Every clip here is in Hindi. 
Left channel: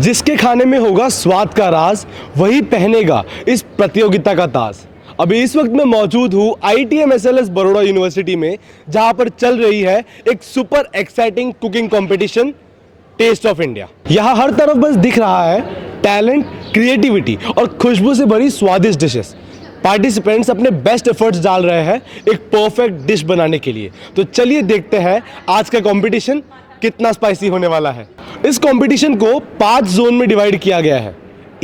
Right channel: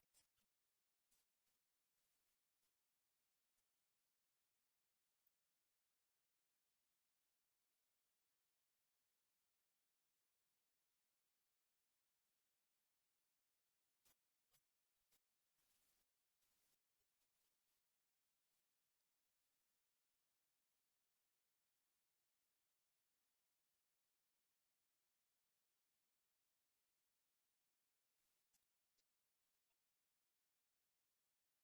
जिसके खाने में होगा स्वाद का राज, वही पहनेगा इस प्रतियोगिता का ताज। अभी इस वक्त मैं मौजूद हूँ ITM-SLS बड़ौदा यूनिवर्सिटी में, जहाँ पर चल रही है एक super exciting cooking competition, taste of India. यहाँ हर तरफ बस दिख रहा है टैलेंट, क्रिएटिविटी और खुशबू से भरी स्वादिष्ट डिशेस। पार्टिसिपेंट्स अपने बेस्ट एफर्ट्स डाल रहे हैं एक परफेक्ट डिश बनाने के लिए। तो चलिए देखते हैं आज का कंपटीशन कितना स्पाइसी होने वाला है। इस कंपटीशन को 5 जोन में डिवाइड किया गया है:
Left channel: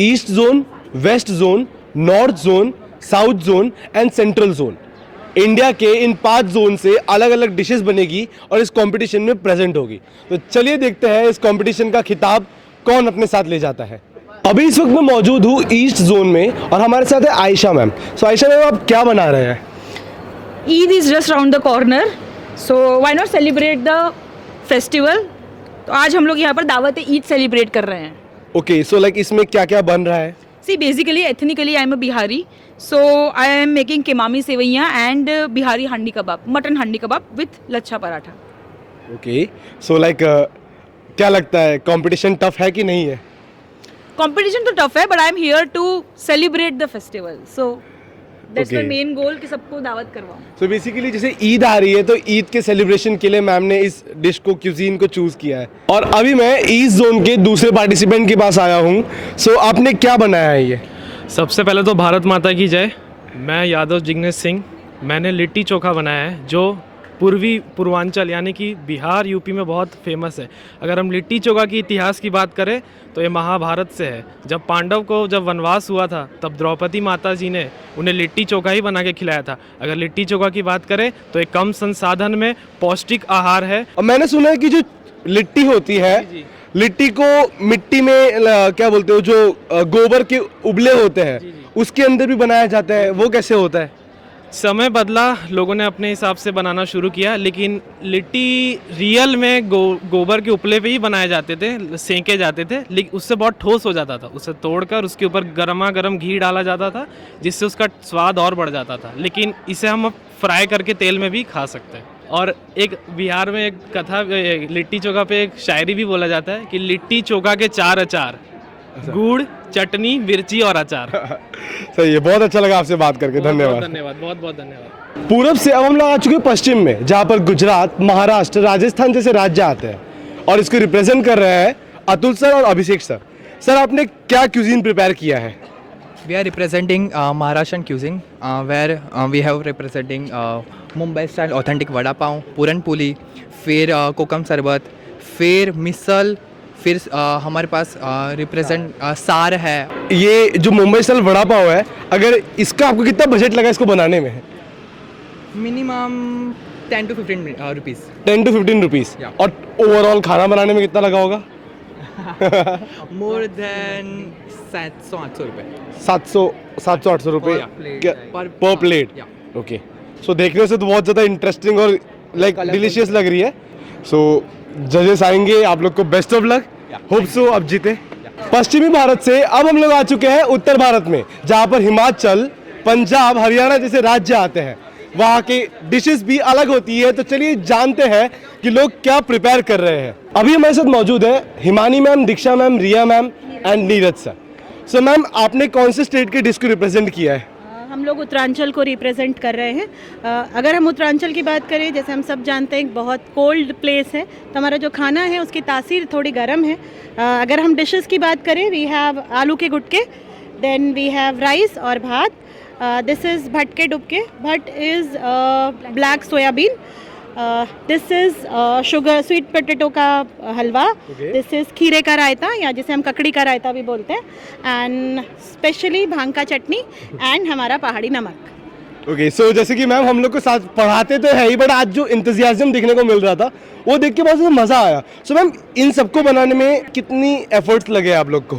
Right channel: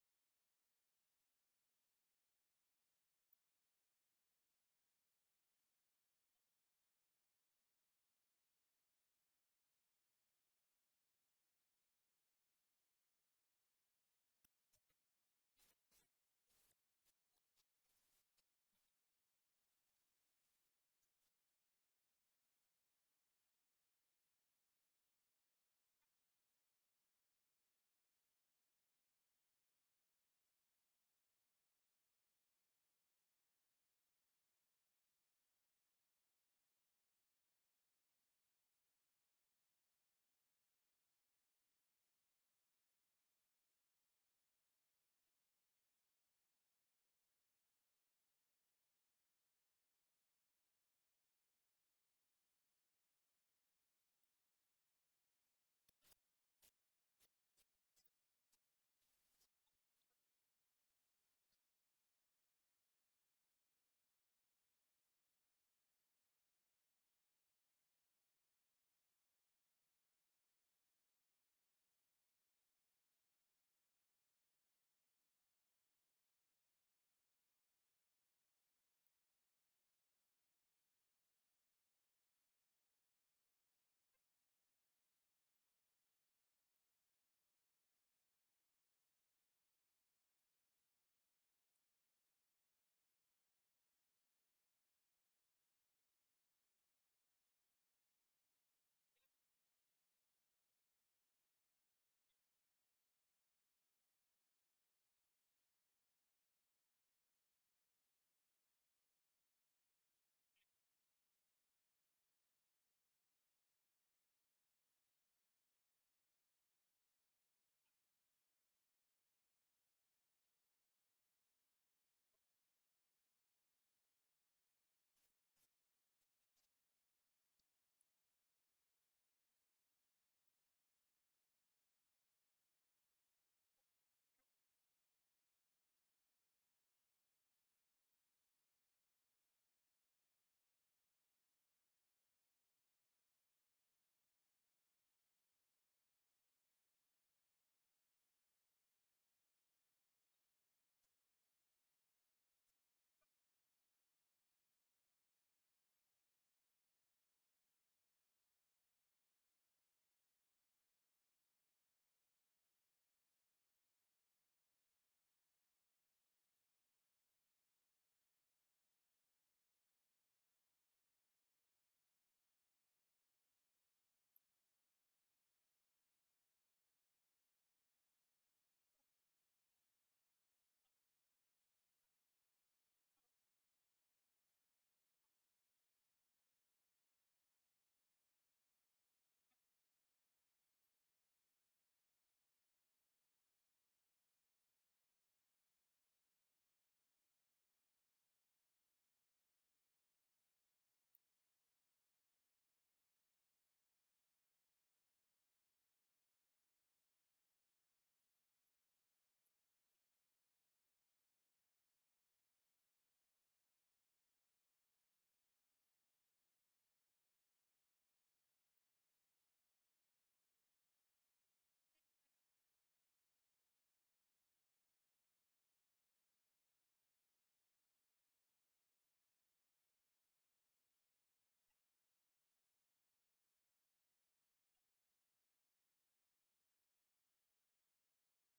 east zone, west zone, north zone, south zone and central zone. India के इन 5 जोन से अलग अलग डिशेस बनेगी और इस कंपटीशन में प्रेजेंट होगी। तो चलिए देखते हैं इस कंपटीशन का खिताब कौन अपने साथ ले जाता है। अभी इस वक्त मैं मौजूद हूँ ईस्ट जोन में और हमारे साथ है आयशा मैम। सो आयशा मैम, आप क्या बना रहे हैं? Eid is just round the corner, so why not celebrate the festival. तो आज हम लोग यहाँ पर दावत ईद सेलिब्रेट कर रहे हैं। ओके, सो लाइक इसमें क्या क्या बन रहा है? See basically ethnically I am a Bihari, so I am making kimami sewaiyan and Bihari handi kebab, mutton handi kebab with lachha paratha. Okay, so like क्या लगता है कंपटीशन टफ है कि नहीं है? कंपटीशन तो टफ है, but I am here to celebrate the festival, so that's my Okay. Main goal कि सबको दावत करवाऊँ। सो बेसिकली जैसे ईद आ रही है तो ईद के सेलिब्रेशन के लिए मैम ने इस डिश को, क्यूजीन को चूज किया है। और अभी मैं ईस्ट जोन के दूसरे पार्टिसिपेंट के पास आया हूँ। सो आपने क्या बनाया है ये? सबसे पहले तो भारत माता की जय। मैं यादव जिग्नेश सिंह। मैंने लिट्टी चोखा बनाया है जो पूर्वांचल यानी कि बिहार यूपी में बहुत फेमस है। अगर हम लिट्टी चोखा की इतिहास की बात करें तो ये महाभारत से है। जब पांडव को जब वनवास हुआ था तब द्रौपदी माता जी ने उन्हें लिट्टी चोखा ही बना के खिलाया था। अगर लिट्टी चोखा की बात करें तो एक कम संसाधन में पौष्टिक आहार है। और मैंने सुना है कि जो लिट्टी होती है, लिट्टी को मिट्टी में क्या बोलते हो, जो गोबर के उबले होते हैं उसके अंदर भी बनाया जाता है। वो कैसे होता है? समय बदला, लोगों ने अपने हिसाब से बनाना शुरू किया, लेकिन लिट्टी रियल में गोबर के उपले पे ही बनाए जाते थे, सेंके जाते थे, लेकिन उससे बहुत ठोस हो जाता था। उसे तोड़कर उसके ऊपर गर्मा गर्म घी डाला जाता था जिससे उसका स्वाद और बढ़ जाता था। लेकिन इसे हम फ्राई करके तेल में भी खा सकते हैं। और एक बिहार में एक कथा, लिट्टी चोखा पे एक शायरी भी बोला जाता है कि लिट्टी चोखा के 4 अचार, गुड़, चटनी, मिर्ची और अचार। सही है, बहुत अच्छा लगा आपसे बात करके। धन्यवाद। धन्यवाद, बहुत बहुत धन्यवाद। पूरब से अब हम लोग आ चुके हैं पश्चिम में, जहाँ पर गुजरात, महाराष्ट्र, राजस्थान जैसे राज्य आते हैं और इसको रिप्रेजेंट कर रहे हैं अतुल सर और अभिषेक सर। सर, आपने क्या क्यूजीन प्रिपेयर किया है? We are representing Maharashtrian cuisine, where we have representing Mumbai style authentic vada pav, puran puli, फिर कोकम शरबत, फिर मिसल, फिर हमारे पास रिप्रेजेंट सार है। ये जो मुंबई स्टाइल वड़ा पाव है, अगर इसका आपको कितना बजट लगा इसको बनाने में? Minimum 10 to 15 rupees. 10 to 15 rupees. Yeah. और ओवरऑल खाना बनाने में कितना लगा होगा? मोर देन 700-800 रुपये। 700-800 रुपये Yeah, plate, पर प्लेट। Yeah. ओके, सो देखने से तो बहुत ज़्यादा इंटरेस्टिंग और लाइक डिलीशियस लग रही है। सो जजेस आएंगे, आप लोग को best of luck. Hope so अब जीते। पश्चिमी भारत से अब हम लोग आ चुके हैं उत्तर भारत में, जहाँ पर हिमाचल, पंजाब, हरियाणा जैसे राज्य आते हैं। वहाँ के डिशेस भी अलग होती है। तो चलिए जानते हैं कि लोग क्या प्रिपेयर कर रहे हैं। अभी हमारे साथ मौजूद है Himani ma'am, Diksha ma'am, Riya ma'am and Neeraj sir. So ma'am, आपने कौन से स्टेट के डिश को रिप्रेजेंट किया है? हम लोग उत्तरांचल को रिप्रेजेंट कर रहे हैं। अगर हम उत्तरांचल की बात करें, जैसे हम सब जानते हैं बहुत कोल्ड प्लेस है, तो हमारा जो खाना है उसकी तासीर थोड़ी गर्म है। अगर हम डिशेस की बात करें, वी हैव आलू के गुटके, देन वी हैव राइस और भात। दिस इज़ भट के dubke. Bhat is black soybean. This is sugar sweet potato का हलवा। दिस इज़ खीरे का रायता, या जिसे हम ककड़ी का रायता भी बोलते हैं। एंड स्पेशली भांग का चटनी एंड हमारा पहाड़ी नमक। ओके, सो जैसे कि मैम हम लोग को साथ पढ़ाते तो है ही, बट आज जो इंतजियाज्म दिखने को मिल रहा था वो देख के बहुत ज़्यादा मज़ा आया। सो मैम, इन सबको बनाने में कितनी एफर्ट्स लगे आप लोग को?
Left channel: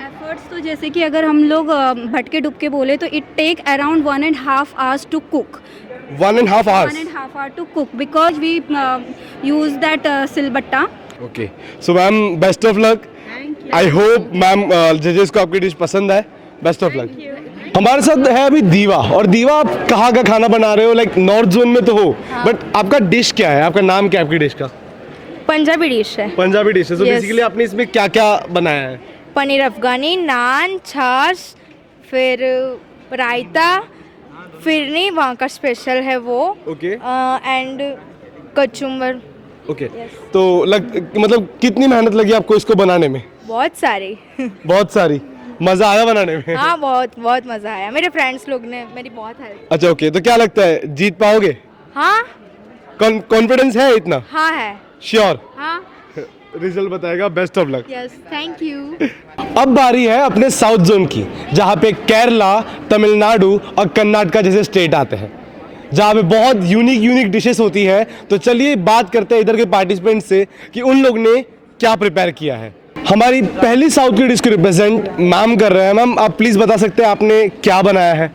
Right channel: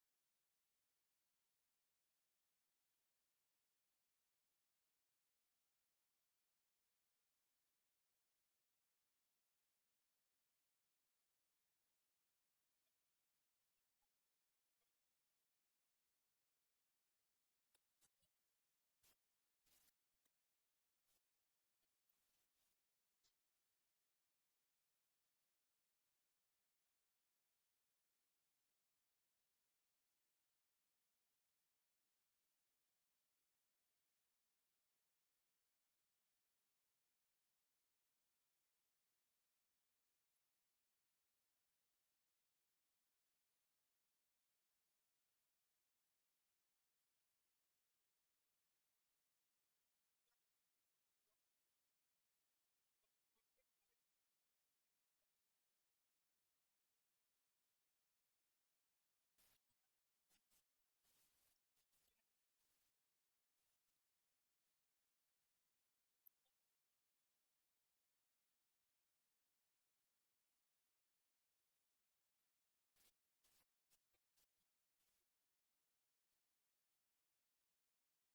एफर्ट्स तो जैसे कि अगर हम लोग भटके डुबके बोले तो it take around 1.5 hours to cook. 1.5 hours? 1.5 hour to cook because we use that silbatta. Okay, so ma'am best of luck. I hope ma'am जजेस को आपकी डिश पसंद है। Best of luck. हमारे साथ है अभी दीवा। और दीवा, आप कहाँ का खाना बना रहे हो? लाइक नॉर्थ जोन में तो हो, बट आपका डिश क्या है? आपका नाम क्या है आपकी डिश का? पंजाबी डिश है। पंजाबी डिश है। तो Yes. बेसिकली आपने इसमें क्या क्या बनाया है? पनीर अफगानी, नान, छाछ, फिर रायता, फिरनी वहाँ का स्पेशल है वो, ओके एंड कचुम्बर। ओके। तो मतलब कितनी मेहनत लगी आपको इसको बनाने में? बहुत सारी। बहुत सारी। मजा आया बनाने में? हाँ, बहुत बहुत मज़ा आया। मेरे फ्रेंड्स लोग ने मेरी बहुत हेल्प। अच्छा ओके। तो क्या लगता है जीत पाओगे? हाँ कॉन्फिडेंस है इतना? हाँ है। श्योर? हाँ। रिजल्ट बताएगा। Best of luck. Yes, thank you. अब बारी है अपने साउथ जोन की, जहाँ पे केरला, तमिलनाडु और कर्नाटका जैसे स्टेट आते हैं, जहाँ पे बहुत यूनिक डिशेस होती है। तो चलिए बात करते हैं इधर के पार्टिसिपेंट से कि उन लोग ने क्या प्रिपेयर किया है। हमारी पहली साउथ की डिश को रिप्रेजेंट मैम कर रहे हैं। मैम आप प्लीज़ बता सकते हैं आपने क्या बनाया है?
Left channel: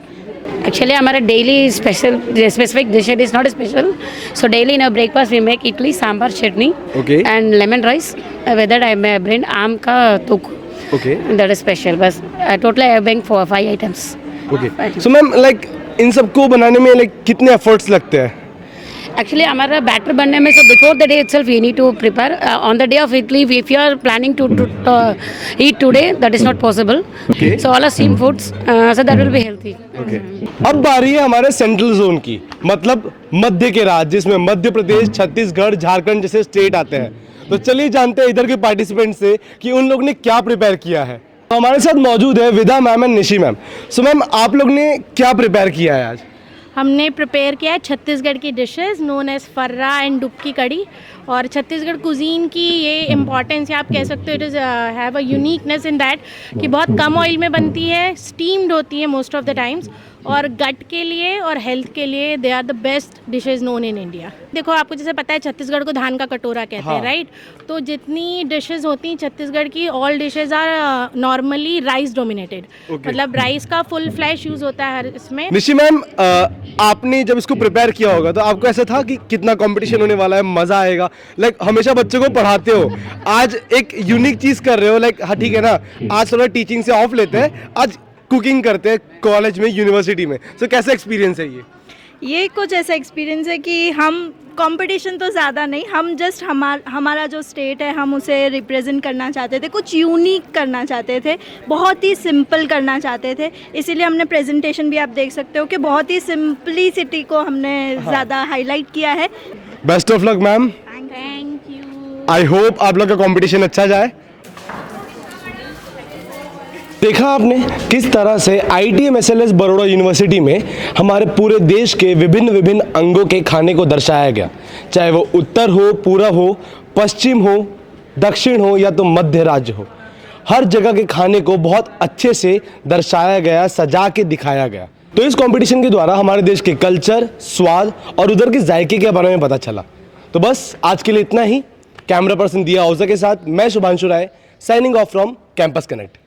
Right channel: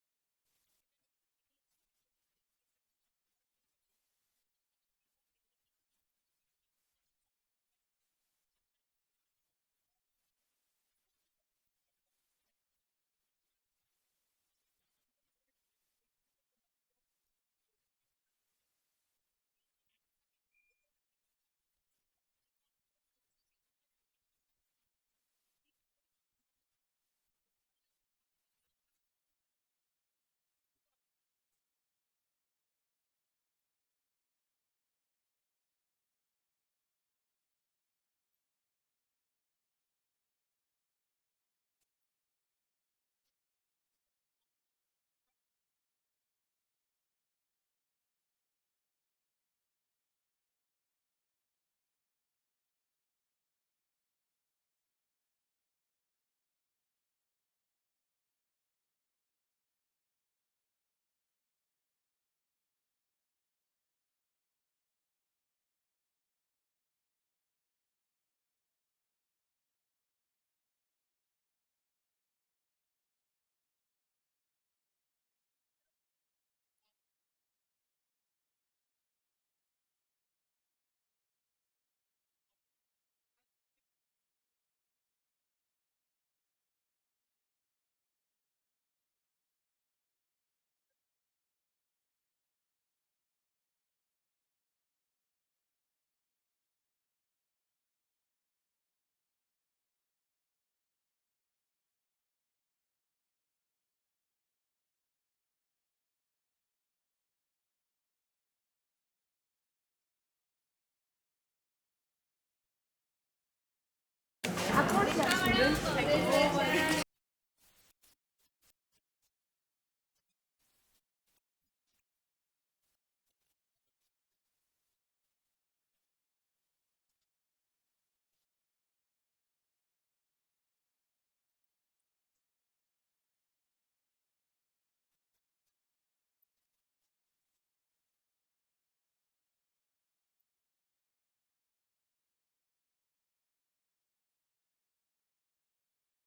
Actually, हमारा daily special specific dish is not special. So daily in breakfast we make idli, sambar, chutney Okay. And lemon rice. With that I may bread आम का तुक. Okay that is special. बस total I bank 5 items. Okay. So ma'am इन सबको बनाने में कितने एफर्ट्स लगते हैं? एक्चुअली हमारा बैटर बनने में, so before the day itself we need to prepare. On the day of idli if you are planning to eat today that is not possible. Okay. So all are steam foods, so that will be healthy. Okay. अब बारी है हमारे सेंट्रल जोन की, मतलब मध्य के राज्य, जिसमें मध्य प्रदेश, छत्तीसगढ़, झारखंड जैसे स्टेट आते हैं। तो चलिए जानते हैं इधर के पार्टिसिपेंट से कि उन लोग ने क्या प्रिपेयर किया है। तो हमारे साथ मौजूद है विदा ma'am and Nishi ma'am. So ma'am आप लोग ने क्या प्रिपेयर किया है आज? हमने प्रिपेयर किया है छत्तीसगढ़ की डिशेस नोन एज फर्रा एंड डुबकी कड़ी। और छत्तीसगढ़ कुजीन की ये इम्पॉर्टेंस है, आप कह सकते हो it is have a uniqueness in that कि बहुत कम ऑयल में बनती है, स्टीम्ड होती है मोस्ट ऑफ द टाइम्स, और गट के लिए और हेल्थ के लिए they are the best dishes known in India. देखो आपको जैसे पता है छत्तीसगढ़ को धान का कटोरा कहते हैं, राइट? तो जितनी डिशेज होती हैं छत्तीसगढ़ की, all dishes are normally rice dominated. मतलब राइस का फुल फ्लैश यूज़ होता है हर इसमें। निशी मैम आपने जब इसको प्रिपेयर किया होगा तो आपको ऐसा था कि कितना कंपटीशन होने वाला है, मजा आएगा? हमेशा बच्चों को पढ़ाते हो, आज एक यूनिक चीज कर रहे हो। हाँ ठीक है ना, आज थोड़ा टीचिंग से ऑफ लेते हैं, आज कुकिंग करते हैं कॉलेज में, यूनिवर्सिटी में। सो कैसा एक्सपीरियंस है ये कुछ ऐसा एक्सपीरियंस है कि हम कंपटीशन तो ज़्यादा नहीं, हम जस्ट हमारा जो स्टेट है हम उसे रिप्रेजेंट करना चाहते थे, कुछ यूनिक करना चाहते थे, बहुत ही सिंपल करना चाहते थे। इसीलिए हमने प्रेजेंटेशन भी आप देख सकते हो कि बहुत ही सिंपलिसिटी को हमने ज़्यादा हाईलाइट किया है। Best of luck ma'am. Thank you. I hope आप लोग का कंपटीशन अच्छा जाए। देखा आपने किस तरह से ITM-SLS बड़ौदा यूनिवर्सिटी में हमारे पूरे देश के विभिन्न अंगों के खाने को दर्शाया गया, चाहे वो उत्तर हो, पूरब हो, पश्चिम हो, दक्षिण हो या तो मध्य राज्य हो। हर जगह के खाने को बहुत अच्छे से दर्शाया गया, सजा के दिखाया गया। तो इस कंपटीशन के द्वारा हमारे देश के कल्चर, स्वाद और उधर के जायके के बारे में पता चला। तो बस आज के लिए इतना ही। कैमरा पर्सन दिया ओझा के साथ मैं Shubhanshu Rai, signing off from campus connect.